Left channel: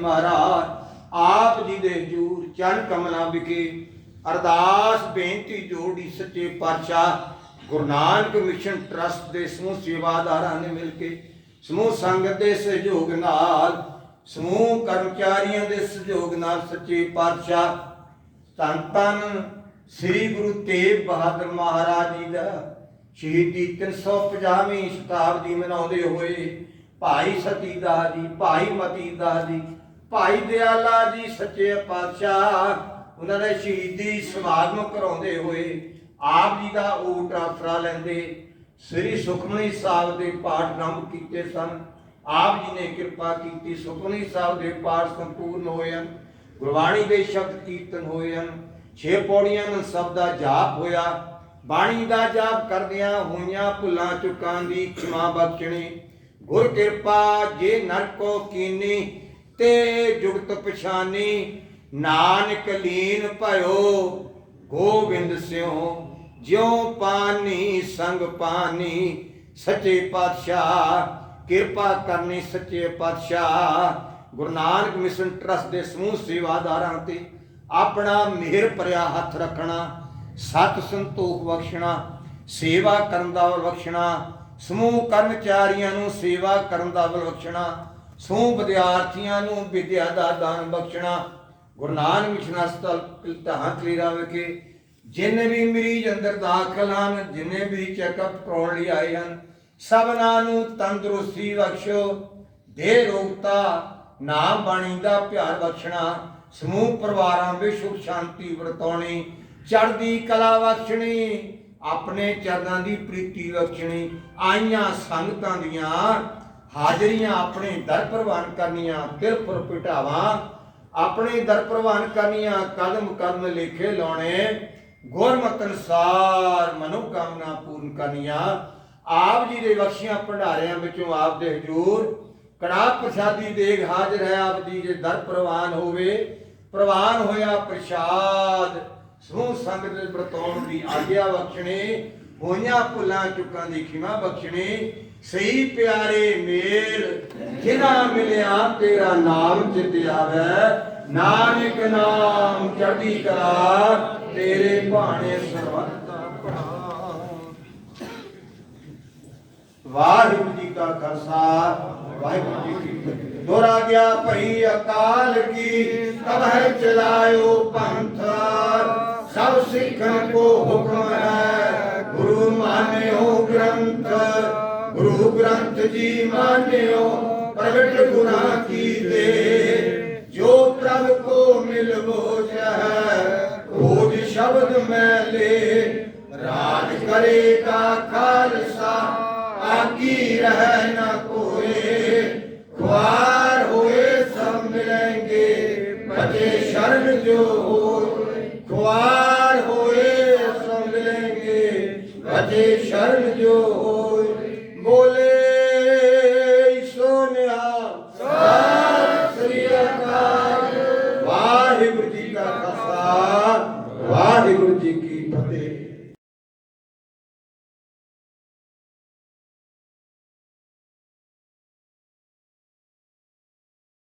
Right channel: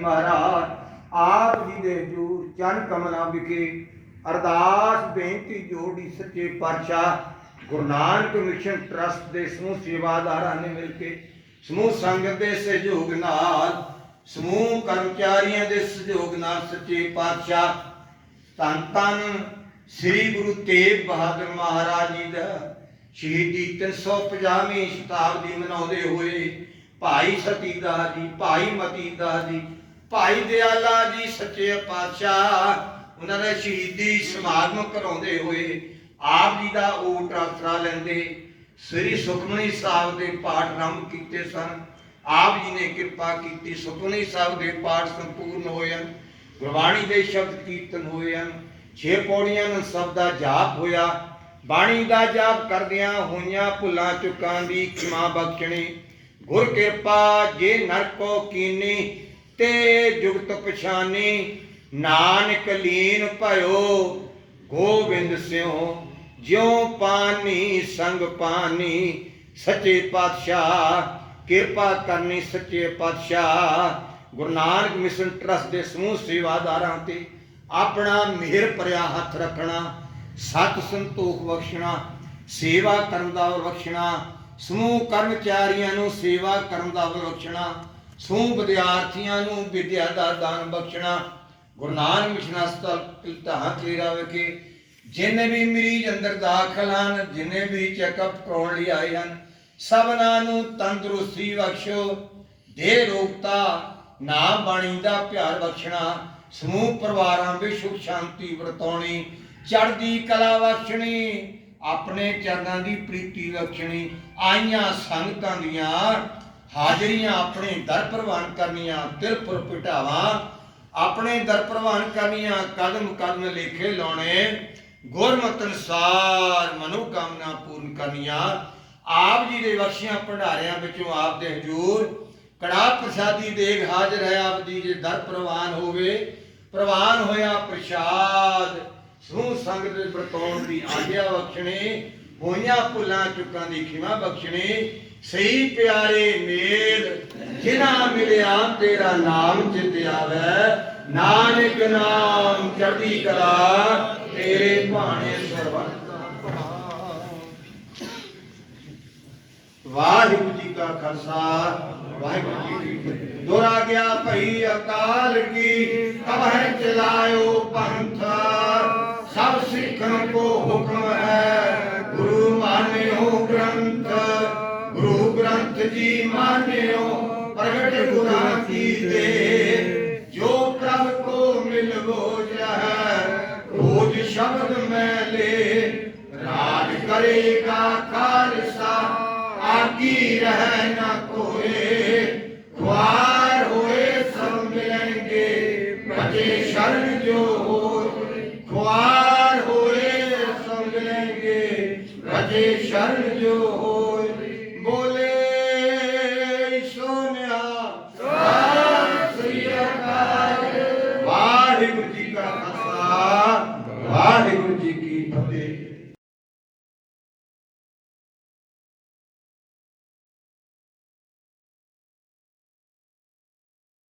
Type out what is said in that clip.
ਮਹਾਰਾਜ, ਆਪ ਜੀ ਦੇ ਹਜੂਰ ਚਰਨ ਕਮਲਾਂ ਵਿਖੇ ਅਰਦਾਸ ਬੇਨਤੀ ਜੋੜੀ ਸੱਚੇ ਪਾਤਸ਼ਾਹ ਗੁਰੂ ਨਾਨਕ ਮਿਸ਼ਨ ਟਰਸਟ ਦੇ ਸਮੂਹ ਸੇਵਾਦਾਰਾਂ ਨੇ ਮਿਲ ਕੇ ਸਮੂਹ ਸੰਗਤ ਦੇ ਸਹਿਯੋਗ ਨਾਲ, ਸਮੂਹ ਕਰਮਚਾਰੀਆਂ ਦੇ ਸਹਿਯੋਗ ਨਾਲ ਸੱਚੇ ਪਾਤਸ਼ਾਹ ਧੰਨ ਧੰਨ ਸ੍ਰੀ ਗੁਰੂ ਤੇਗ ਬਹਾਦਰ ਮਹਾਰਾਜ ਜੀ ਦਾ ਸ਼ਹੀਦੀ 350ਵੀਂ ਸ਼ਤਾਬਦੀ ਮਨਾਉਂਦੇ ਹੋਏ ਭਾਈ ਸਤੀਦਾਸ ਜੀ, ਭਾਈ ਮਤੀਦਾਸ ਜੀ ਭਾਈ ਦਿਆਲਾ ਜੀ ਸੱਚੇ ਪਾਤਸ਼ਾਹ, ਉਹਨਾਂ ਦਾ ਸ਼ਹੀਦੀ ਸਮਾਗਮ ਕਰਾਉਂਦੇ ਹੋਏ ਆਪ ਜੀ ਦਾ ਓਟ ਆਸਰਾ ਲੈਂਦੇ, ਸ੍ਰੀ ਸੁਖਮਨੀ ਸਾਹਿਬ ਦੇ ਪਾਠ ਆਰੰਭ ਕੀਤੇ ਸਨ। ਆਪ ਜੀ ਨੇ ਕਿਰਪਾ ਕੀਤੀ, ਸੁਖਮਨੀ ਸਾਹਿਬ ਦੇ ਪਾਠ ਸੰਪੂਰਨ ਹੋਏ ਹਨ, ਗੁਰਬਾਣੀ ਦੇ ਸ਼ਬਦ ਕੀਰਤਨ ਹੋਏ ਹਨ, ਛੇ ਪੌੜੀਆਂ ਨੂੰ ਸਭ ਦਾ ਜਾਪ ਹੋਇਆ, ਬਾਣੀ ਦਾ ਜਾਪ ਕਰਦਿਆਂ ਹੋਈਆਂ ਭੁੱਲਾਂ ਚੁੱਕਾਂ ਦੀ ਖਿਮਾ ਬਖਸ਼ਣੀ। ਗੁਰ ਕਿਰਪਾ ਜੇ ਨਰਕੋ ਕੀਨੀ ਤੇ ਜੁਗਤ ਪਛਾਨੀ, ਨਾਨਕ ਲੀਨ ਭਇਓ ਗੋਬਿੰਦ ਸਿਉ, ਜਿਉ ਪਾਨੀ ਸੰਗ ਪਾਨੀ, ਸੱਚੇ ਪਾਤਸ਼ਾਹ, ਕਿਰਪਾ ਕਰਨੀ ਸੱਚੇ ਪਾਤਸ਼ਾਹ। ਗੁਰੂ ਨਾਨਕ ਮਿਸ਼ਨ ਟਰਸਟ ਦੇ ਸਮੂਹ ਸੇਵਾਦਾਰਾਂ ਤੇ ਆਪਣਾ ਮਿਹਰ ਭਰਿਆ ਹੱਥ ਰੱਖਣਾ, ਸਤ ਸੰਤੋਖ ਬਖਸ਼ਣਾ, ਸੇਵਾ ਕਰਨ ਦਾ ਬਖਸ਼ਣਾ, ਸਮੂਹ ਕਰਮਚਾਰੀਆਂ ਨੂੰ ਸੇਵਾ ਕਰਨ ਦਾ ਬਲ ਬਖਸ਼ਣਾ ਸਮੂਹ ਵਿਦਿਆਰਥੀਆਂ ਨੂੰ ਵਿਦਿਆ ਦਾ ਦਾਨ ਬਖਸ਼ਣਾ, ਗੁਰੂ ਨਾਨਕ ਮਿਸ਼ਨ ਹਸਪਤਾਲ ਪਿਲਤਾਂ ਤੇਰਾ ਵਿਖੇ। ਜਿੰਨੇ ਵੀ ਮਰੀਜ਼ ਅੰਦਰ ਦਾਖਲ ਹਨ, ਜਿੰਨੇ ਵੀ ਚੈੱਕਅਪ ਕਰਾਉਣ ਲਈ ਆਏ ਹਨ, ਸਭਨਾਂ ਨੂੰ ਤੰਦਰੁਸਤੀ ਬਖਸ਼ੋ। ਦੇ ਰੋਗਤਾ, ਨਾਮ ਬਾਣੀ ਦਾ ਪਿਆਰ ਬਖਸ਼ਣਾ, ਸਮੂਹ ਪਰਿਵਾਰਾਂ ਵਿੱਚ ਸੁਖ ਸ਼ਾਂਤੀ ਵਰਤਾਉਣੀ, ਚੜ੍ਹਦੀ ਕਲਾ ਬਖਸ਼ਣੀ, ਆਪਣੇ ਚਰਨਾਂ ਦੀ ਪ੍ਰੀਤੀ ਬਖਸ਼ਣੀ, ਆਈਆਂ ਸੰਗਤਾਂ ਦੀਆਂ ਹਾਜ਼ਰੀਆਂ ਆਪਣੇ ਦਰ ਪ੍ਰਵਾਨ ਕਰਨੀਆਂ ਤਿਰਪੁਰ ਪਿਟਾਵਾਂ, ਆਪਣੇ ਦਰ ਪ੍ਰਵਾਨ ਕਰਨੀਆਂ, ਕਦਮ ਕਦਮ ਲੇਖੇ ਲਾਉਣੇ, ਗੁਰਮਤਿ ਅਨੁਸਾਰ ਮਨੋਕਾਮਨਾ ਪੂਰਨ ਕਰਨੀਆਂ। ਆਪ ਜੀ ਦੇ ਬਖਸ਼ੀਆਂ ਭੰਡਾਰਿਆਂ ਵਿੱਚੋਂ ਆਪ ਦੇ ਹਜੂਰ। ਕੜਾ ਪ੍ਰਸ਼ਾਦੀ ਦੇਗ ਹਾਜ਼ਰ ਹੈ, ਆਪ ਜੀ ਜੇ ਦਰ ਪ੍ਰਵਾਨ ਹੋਵੇ। ਪ੍ਰਵਾਨ ਹੋਇਆ ਪ੍ਰਸ਼ਾਦ। ਸਮੂਹ ਸੰਗਤ ਦੇ ਵਰਤਾਉਣ ਦੀ ਆਗਿਆ ਬਖਸ਼ਣੀ, ਹੋਈਆਂ ਭੁੱਲਾਂ ਚੁੱਕਾਂ ਦੀ ਖਿਮਾ ਬਖਸ਼ਣੀ। ਸਹੀ ਪਿਆਰੇ ਮੇਲ, ਜਿਨ੍ਹਾਂ ਮਿਲਿਆ ਤੇਰਾ ਨਾਮ ਚਿਤ ਆਵੇ। ਨਾਨਕ ਨਾਮ ਚੜ੍ਹਦੀ ਕਲਾ, ਤੇਰੇ ਭਾਣੇ ਸਰਵੰਤਾ ਵਾਹਿਗੁਰੂ ਜੀ ਕਾ ਖਾਲਸਾ, ਵਾਹਿਗੁਰੂ ਜੀ ਕੀ ਫਤਿਹ। ਦੁਰਾ ਗਿਆ ਭਈ ਅਕਾਲ ਕੀ ਕਬਹਿ ਚਲਾਇਓ ਪੰਥ ਸਭ ਸਿੱਖਾਂ ਕੋ ਹੁਕਮ ਹੈ ਗੁਰੂ ਜੀ ਮਾਨਿਓ, ਪ੍ਰਗਟ ਗੁਰਾਂ ਕੀ ਦੇ ਜੋ ਪ੍ਰਭ ਕੋ ਮਿਲਵੋ ਜਹ ਰੋਜ ਸ਼ਬਦ ਮੈਂ ਲੈ। ਰਾਜ ਕਰੇਗਾ ਖਾਲਸਾ ਆਕੀ ਰਹਿ